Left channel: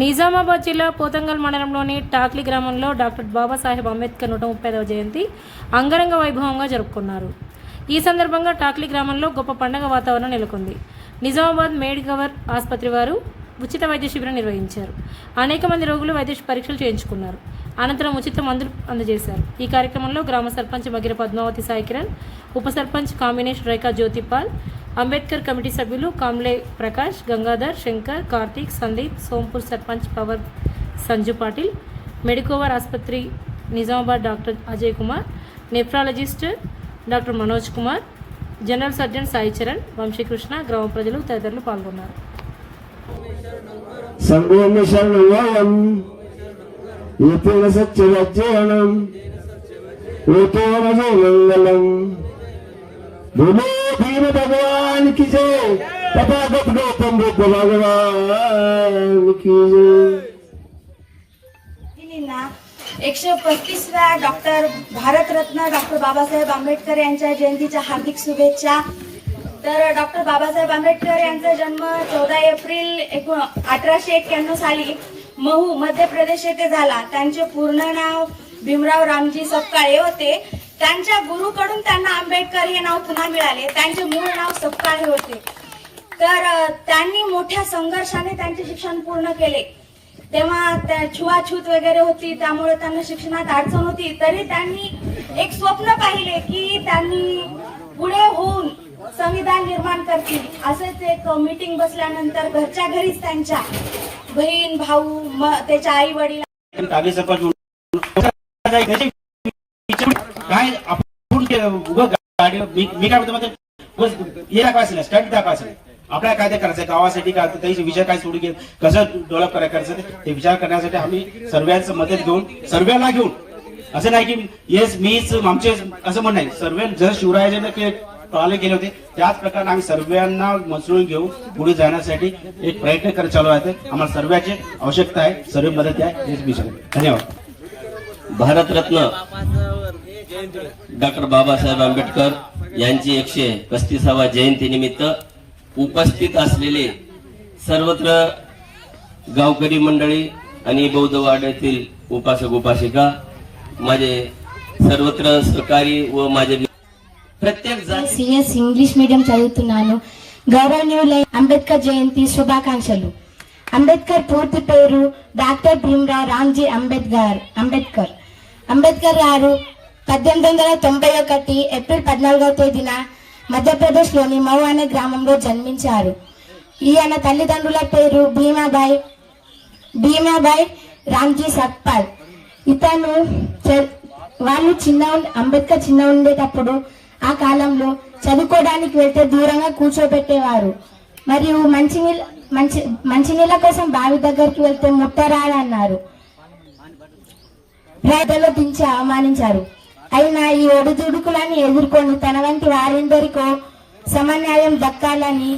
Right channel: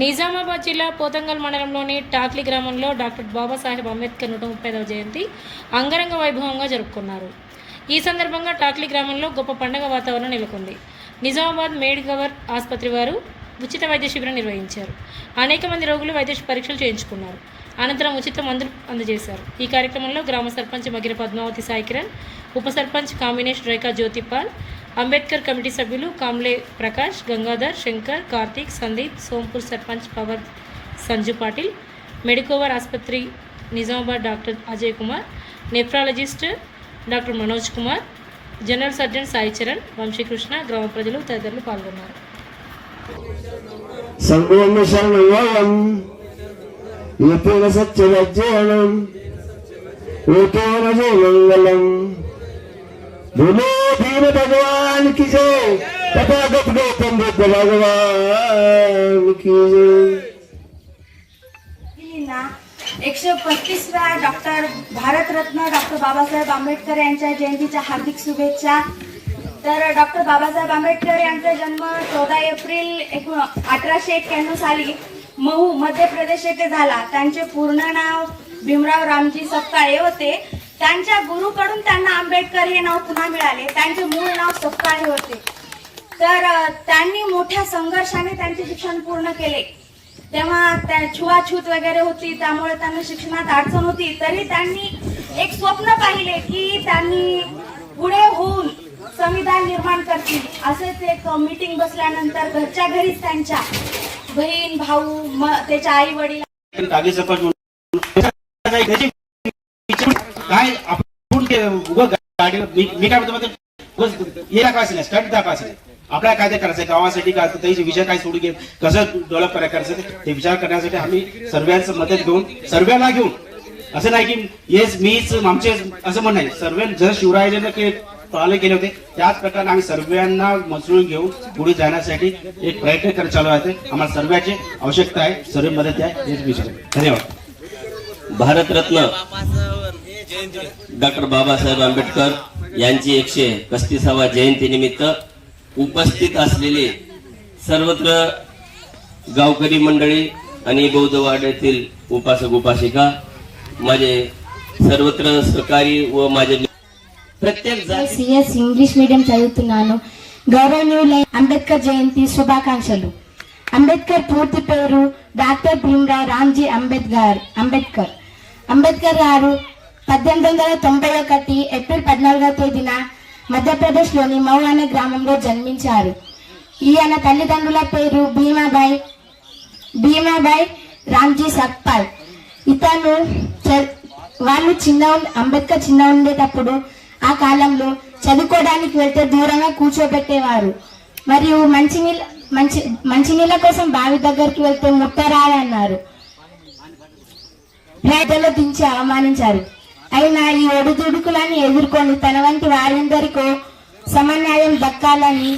నిజామాబాద్ జిల్లా పోతంగల్ మండలంలోని టాక్లీ గ్రామంలో డాక్టర్ బాబాసాహెబ్ అంబేద్కర్ 130వ జయంతి అంగరంగ వైభవంగా జరుపుకున్నారు. ఈ సందర్భంగా టాక్లీ గ్రామంలో గొప్ప పండుగ వాతావరణం నెలకొంది. నిజామాబాద్ మేడ్గవర్ ఆసుపత్రి వారు ఉచిత వైద్య శిబిరం నిర్వహించారు. అనేక మంది రోగులు వైద్య పరీక్షలు చేయించుకున్నారు. అనంతరం ఉచిత మందులు అందజేశారు. ఈ కార్యక్రమంలో గ్రామ సర్పంచ్ మగిర పద్మావతి సాయికిరణ్, ఉప సర్పంచ్ కామినేష్ రేఖా జ్యోతిపాల్, అంబేద్కర్ కమిటీ సభ్యులు కామ్లే ప్రకాష్, గంగాధర్, శంకర్, కార్తీక్, సందీప్, సోంపూర్ సర్పంచ్ పవర్ సంజు పాటిల్, మెడికోవర్ ఆసుపత్రి Nizamabad doctor Ajay Kumar, nephrologist doctor Manoj Kumar, general surgeon Sai Charan, Vamshikrishna, గ్రామ ప్రజలు తదితరులు పాల్గొన్నారు. भगवान की जय, तथागत गौतम बुद्ध भगवान की जय. 135व्या डॉक्टर भारतरत्न डॉक्टर बाबासाहेब आंबेडकर यांच्या जयंतीच्या हार्दिक शुभेच्छा. तर डॉक्टर बाबासाहेब आंबेडकर यांचा जन्म 14 एप्रिल 1891 साली महू मध्य प्रदेश येथे झाला. त्यांचे पूर्ण नाव भीमराव रामजी सपकाळे होते. त्यांच्या गुरुकडून त्यांना आंबेडकर हे नाव पुन्हा मिळाले. त्यांचे मूळ नाव सपकाळे होते. तर त्यांनी मोठ्या संघर्षाने त्यांचे शिक्षण पूर्ण केले. तेव्हा छुआछूत वगैरे होती, त्यामुळे त्यांना शिक्षणात अडचण होती. तरी त्यांनी एक स्वप्न पाहिले की त्यांनी पुढे होऊन संविधान निर्माण करतील. असेच एक मीटिंग बसल्यानंतर घरच्या घरीच त्यांच्या बहीण भाऊ त्याच्या आई वडील काय आपण मी काय म्हणतो हे दाखवायचं स्टंट दाखवायचं आपल्याला काय ते करायचं गावासाठी काय त्याचे विषय काय सोडून घे कसं डेव्हलप करायचं ते विचार करण्यासाठी आम्ही सर्वांचं मदत घेऊन सर्वांना घेऊन असं नाही की येस मीच आमचे असं म्हण नाही. सर्व जर शिवरायाने प्रणाली केले होते त्याच प्रकारे आम्ही सर्वांना मसळून घेऊन पुढे जाण्यासाठी एक प्रयत्न करत चालू आहे. आम्हाला सर्वांची आवश्यकता आहे, सर्व मदत आहे हेच विषय. धन्यवाद. भारतरत्न डॉक्टर बाबासाहेब आंबेडकर यांची 135वा जयंतीनिमित्त उपस्थित असलेले सर्वत्र गावकरी मंडळी आणि बौद्धवाड येथील उपासक उपासिका, माझे सर्वत्र सहकारी व माझे ప్రత్యేక సిఎస్ ఇంగ్లీష్ మీడియం చదువుతున్నాను. గౌరవనీయులైన అంబేద్కర్ జయంతి శుభాకాంక్షలు. అంబేద్కర్ పూర్తి పేరు డాక్టర్ భీమరావ్ రామ్జీ అంబేద్కర్. అంబేద్కర్ గారు 1891 ఏప్రిల్ 14వ తేదీన మధ్యప్రదేశ్లోని మౌ అనే గ్రామంలో జన్మించారు. ఈయన తల్లిదండ్రుల పేరు భీమాబాయ్ రామ్జీ సక్పాల్. వాళ్ళు అంబేద్కర్ చిన్న ఉండేటప్పుడు ఆ కాలంలో చదువుకోవడానికి వెళ్తే దూరంగా కూర్చోబెట్టేవారు. మరియు మంచినీళ్ళ కోసం బావి దగ్గరికి వెళ్తే ముట్టరాదన్నారు. రైతులు దించి అవమానించారు. అయినా ఈ ఒడిదుడుకులని ఎదుర్కొని తన వంటి వారందరికో సమన్యాయం దక్కాలని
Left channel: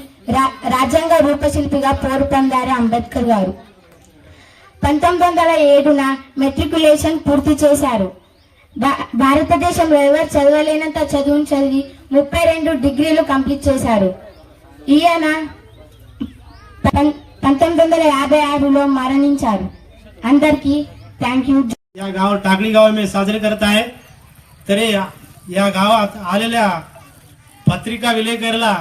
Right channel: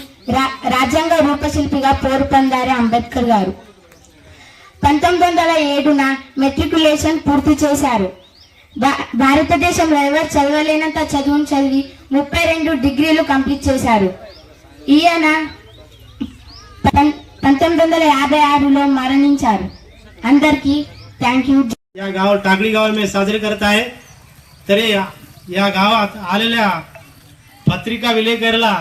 రాజ్యాంగ రూపశిల్పిగా పోరు పొందారు అంబేద్కర్ గారు. 1907న మెట్రికులేషన్ పూర్తి చేశారు. భారతదేశంలో ఎవరు చదవలేనంత చదువును చదివి 32 డిగ్రీలు కంప్లీట్ చేశారు. ఈయన 1956లో మరణించారు. అందరికీ థ్యాంక్ యూ. या गाव टाकळी गाव मी साजरे करत आहे. तरी या गावात आलेल्या पत्रिका विलेकरला